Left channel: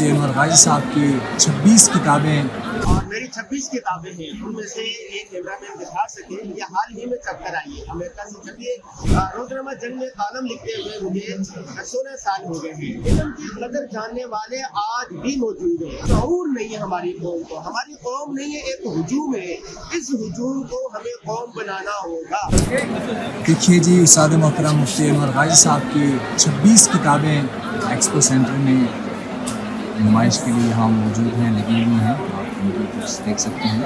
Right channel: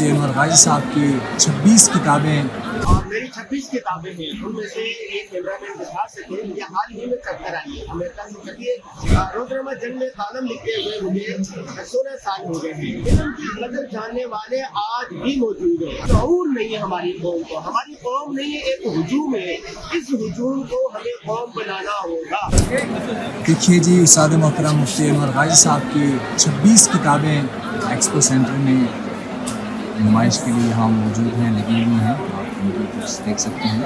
मुफ्ती अनवर गाजी साहब की 26 किताबें और मेरी 26 किताबें हैं, उनमें से एक कैमरामैन दिखा सके, ये हाल ही में छप कर आई है, अमेरिका से छपी है। रोजनामा जंग में कालम लिखते हुए मुझे 16 साल हो गए हैं। इल्म की कदर जानने वाले आज भी मौजूद हैं। शऊर नहीं है हमारी कौम को, हमारी कौम नहीं है, एक हुजूम है। इस हुजूम को हमें कौम बनाना होगा। देखिए जी, उस्ताद मोहतरम मुफ्ती अनवर गाजी साहब की 26 किताबें एक्सपो सेंटर में नुमाइश के लिए यहाँ मौजूद हैं, लगी हुई हैं। आप उनकी कुछ देख सकते हैं।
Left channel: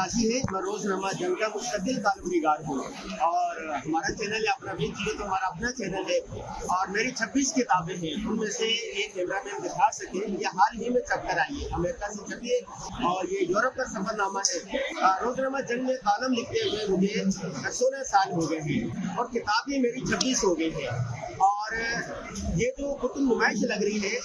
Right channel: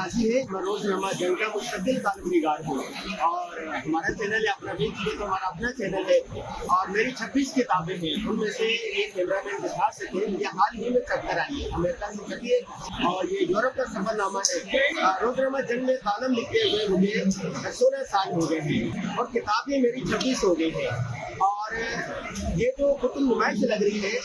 काजी है, मैं रोजनामा जंग का मुस्तकिल तालिबनिगार हूँ और हमारा चैनल है अपना बीच में, तो हमारा अपना चैनल है और मेरी 26 किताबें हैं। उनमें से एक कैमरामैन दिखा सके, ये हाल ही में छप कर आई है, अमेरिका से छपी है और ये यूरोप का सफरनामा है। रोजनामा जंग में कॉलम लिखते हुए मुझे 16 साल हो गए हैं और किताबें मेरी 26 हो गई है। और ये जो कुतुब नुमाइश लग रही है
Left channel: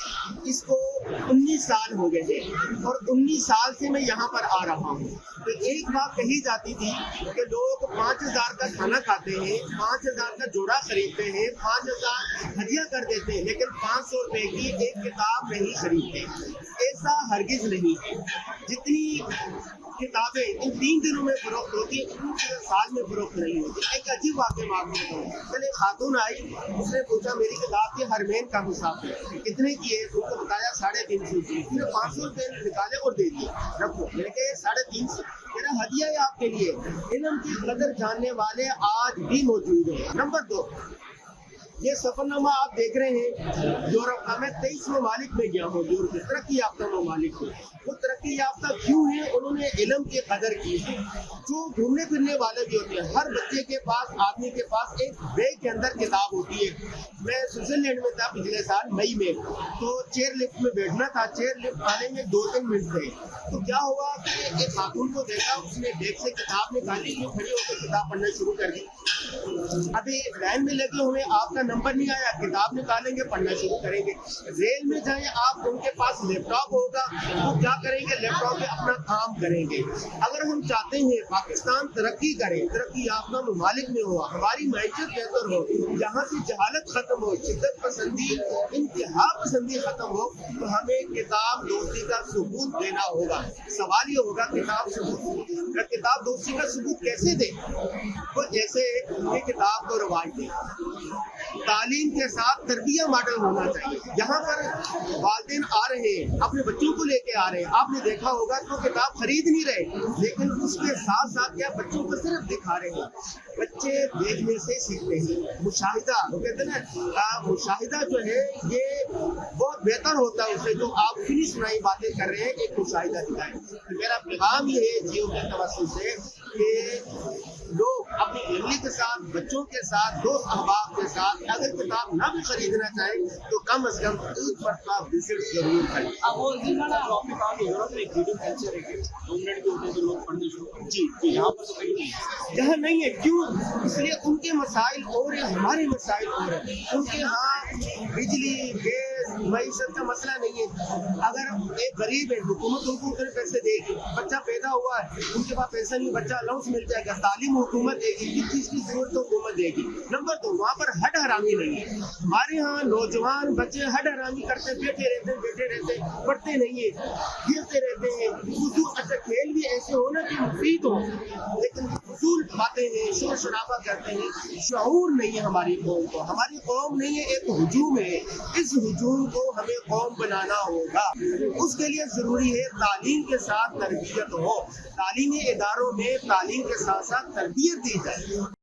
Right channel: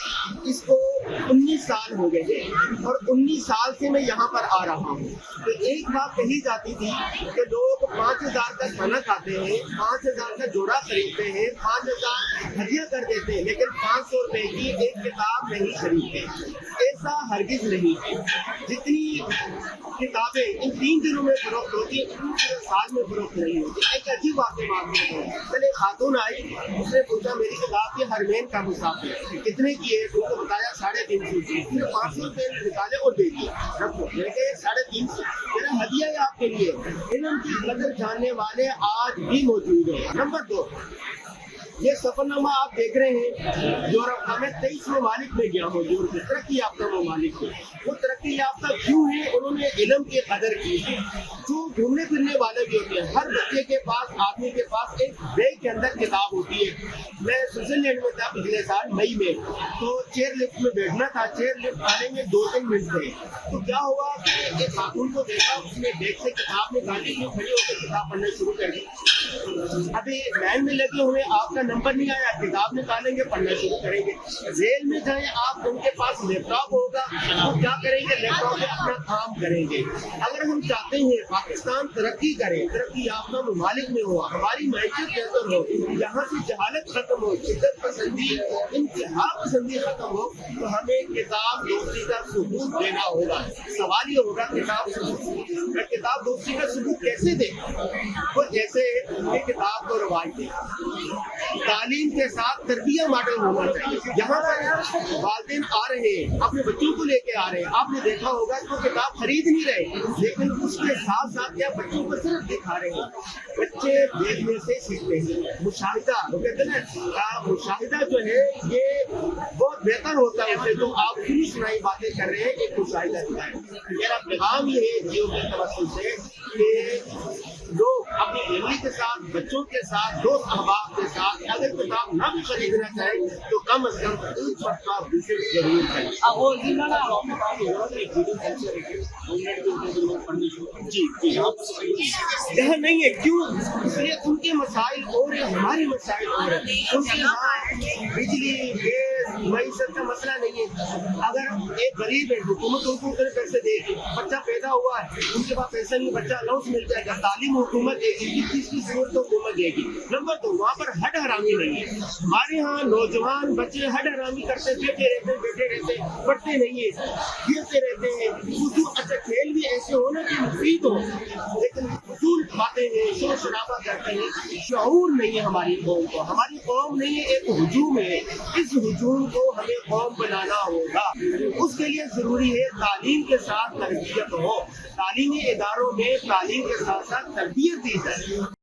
इसको 19 साल हो गए हैं और 19 साल से मैं यहाँ पर आ रहा हूँ। तो एक बात कही जाती थी कि लोग 5,000 का खाना खाते हैं, 5,000 का जोड़ा खरीदते हैं, 5,000 हदिया कर देते हैं, लेकिन 500 रुपए की एक किताब नहीं खरीदते। ऐसा हरगिज नहीं है। जितनी किताबें इन 3 दिनों में फरोख्त होती है, पूरे साल में फरोख्त नहीं होती। एक अजीब वाक़या मालूम है। चले खातून आई, उसने पूछा मेरी किताब की हरमैन का मुसाफिर कितने की है, तो उसको बताया 350 की। फिर 500 रुपये निकाले और दे दिए, रखो। मैंने कहा 350 मेरा हदिया है आपके लिए। इल्म की कदर जानने वाले आज भी मौजूद हैं। नंबर 2, ये सफरनामा आप देख रहे हैं यूरोप का। मैं 23 ममालिक में गया हूँ, यूरोप के तरक्की याफ्ता ममालिक में। वो तरक्की याफ्ता क्यों है? उन्होंने इल्म की कदर की है। जो घूमने फिरने वाले भी होते हैं, हर बच्चे के पास, आदमी के पास एक बैग के अंदर किताब होती है। मैं स्विट्जरलैंड में था पिछले साल मई में, तो चेयर लिफ्ट में बैठना था। चेयर लिफ्ट आने में 2-3 मिनट थे, तो क्या हुआ कि एक खातून को देखा, उसने बैग से किताब निकाली, खड़ी होकर किताब पढ़ना शुरू कर दी। अभी लाइन में लगे हुए, आपका नंबर नहीं आया, किताब निकालेंगे, पढ़ना शुरू करेंगे। रेल में जाए आप, उनके पास लैपटॉप होगा, वो क्या करेंगे? लैपटॉप में अपना काम करेंगे। अगर हम चाहते हैं पाकिस्तान तरक्की करे, तरक्की याफ्ता ममालिक में हो, हमारी मैशत बेहतर हो, यहाँ से जहालत खत्म हो, शिद्दत पसंदी, इंतहा पसंदी खत्म हो, तो हमें किताब दोस्ती का सबूत देना होगा। सवाल ये होगा किताब दोस्ती का सबूत कैसे दे? वो जैसे ये किताब को रवाज दे, तालीम के साथ तरबिया मॉडल होना चाहिए। यहाँ पर वालिदैन आ रहे हैं, अपने बच्चों को लेके आ रहे हैं, आपने देखा होगा तो किताब खरीद नहीं रहे, लेकिन उसके साथ साथ क्या बच्चों को सिर्फ दिखा रहे हैं। बच्चे देखने से सीखते हैं। मुशाहिदा, वो कहते हैं ना, मुशाहिदा जो है ये बहुत बेहतर होता है उससे जो आप सुनी सुनाई बातें कर रहे हैं, एक मुशाहिदा दिखाएं। मेरा पैगाम ये है जियो के तवज्जुह से कि लोग अपनी फैमिली के साथ, बच्चों के साथ, दोस्त अहबाब के साथ अगर किताब ना भी खरीदना चाहे तो कम से कम एक मरतबा विजिट जरूर करें। जी यहाँ नहीं है, क्यों? इसलिए उनके मसाइल और हमारे मसाइल और है। उनके यहाँ बिजली, गैस, मईशत का मसला नहीं है। अगर एक गरीब है, हुकूमत उनको उतने पैसे देगी। बच्चा पैदा हुआ है, उनके पास पैसा नहीं, बच्चा अलाउंस मिल जाएगा, तालीम हुकूमत देगी, किस चीज की जरूरत तो हुकूमत देगी। नंबर 2, वहाँ पर हड हरामी नहीं है। हमारे यहाँ नौजवान बच्चे हड हरामी करते, बैठे रहते, पढ़ते नहीं है, गिरते रहते हैं। अच्छा खेल भी ऐसे हो ना कि मुफीद हो, लेकिन फजूल बातें हैं, शोर शराबा करते हैं। शऊर नहीं है हमारी कौम को। हमारी कौम नहीं है, एक हुजूम है। इस हुजूम को हमें कौम बनाना होगा। उसके लिए जरूरी है तालीम के साथ तरबियत हो। तालीमी इदारों में तालीम के साथ साथ तरबियत दी जाए।